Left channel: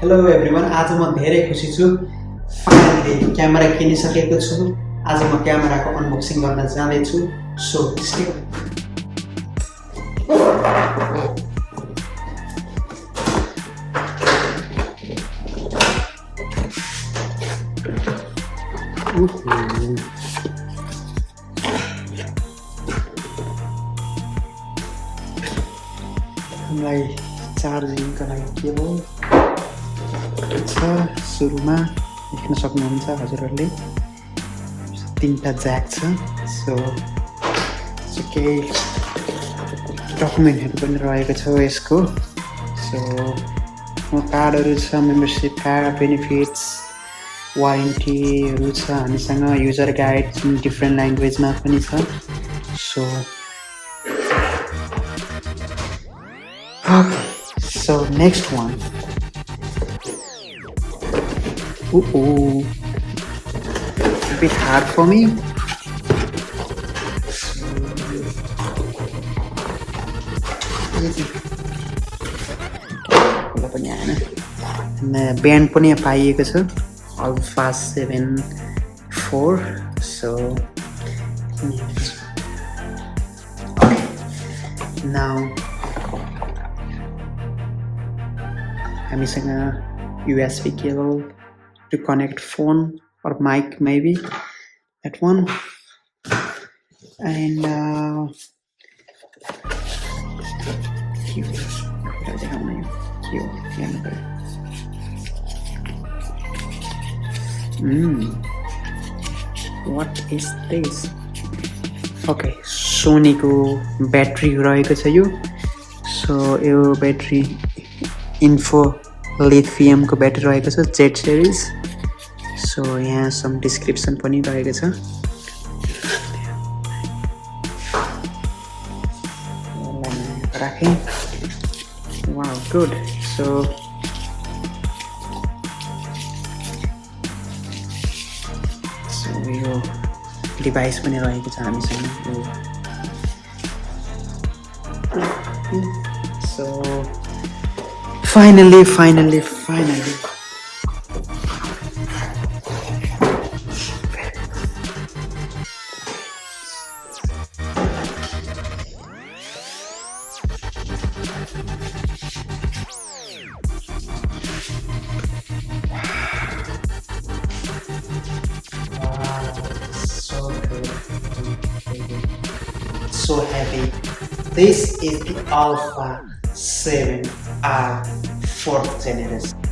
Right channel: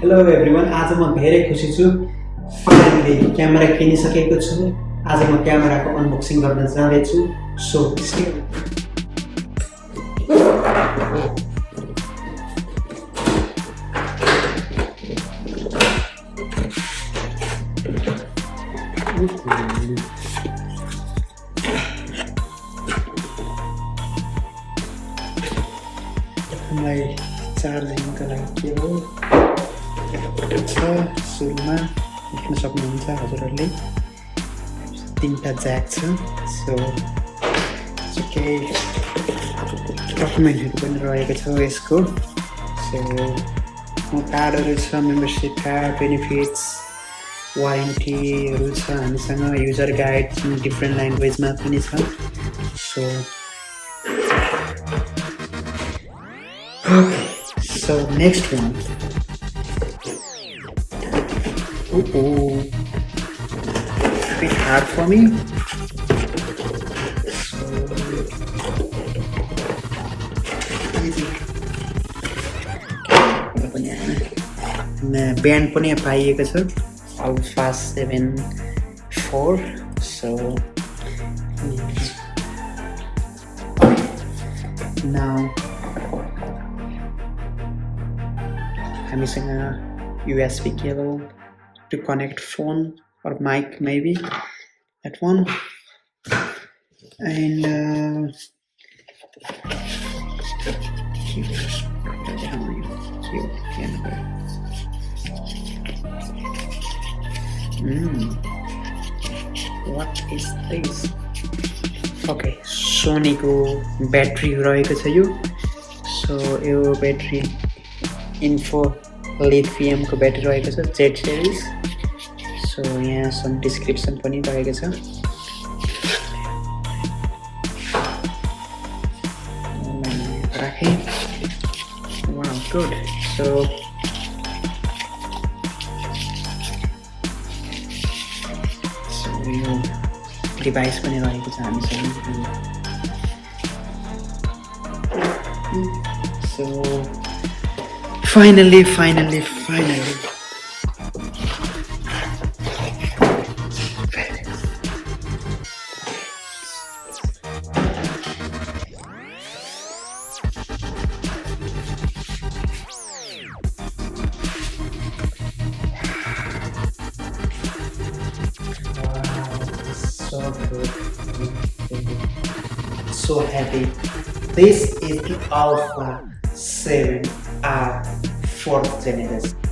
Hello everyone, आज म धेरै खुसी छु। फाइनली क्यामेरा किनिसकेको छु। आज म क्यामेराको अनबक्सिङ गर्न जाँदैछु। सो मलाई चार्जिङका लागि के हो सुरुमा देख्न सक्नुहुन्छ हजुरहरूले 3टा ज्याक छ। सो केही डकुमेन्टहरू पनि रहेको छ यसको। सो कार्डहरू छ, मेम्बरसिप कार्ड, बेनिफिट्स, वारेन्टीहरू छ हामीसँग, युजर गाइड डिफ्रेन्ट ल्याङ्ग्वेजमा पनि छ। सो okay, so next one. A bit hard for me. So easy. Band पनि पाइएको छ ALPHA7R. So okay. Now हामीसँग USB cable to connect phone or mic, maybe that one, and what is this? Okay, Sony को battery रहेको छ यो। So यो battery info lithium को ब्याट्री रहेको छ Z series। सो यहाँ सम डिस्क्रिप्सन पनि रहेको छ। राखेँ। Wow, good. सो यो डिभाइस पनि रहेको छ हामीसँग। सो Finally. Wow, so good. So heavy. This is the ALPHA7R 4th generation.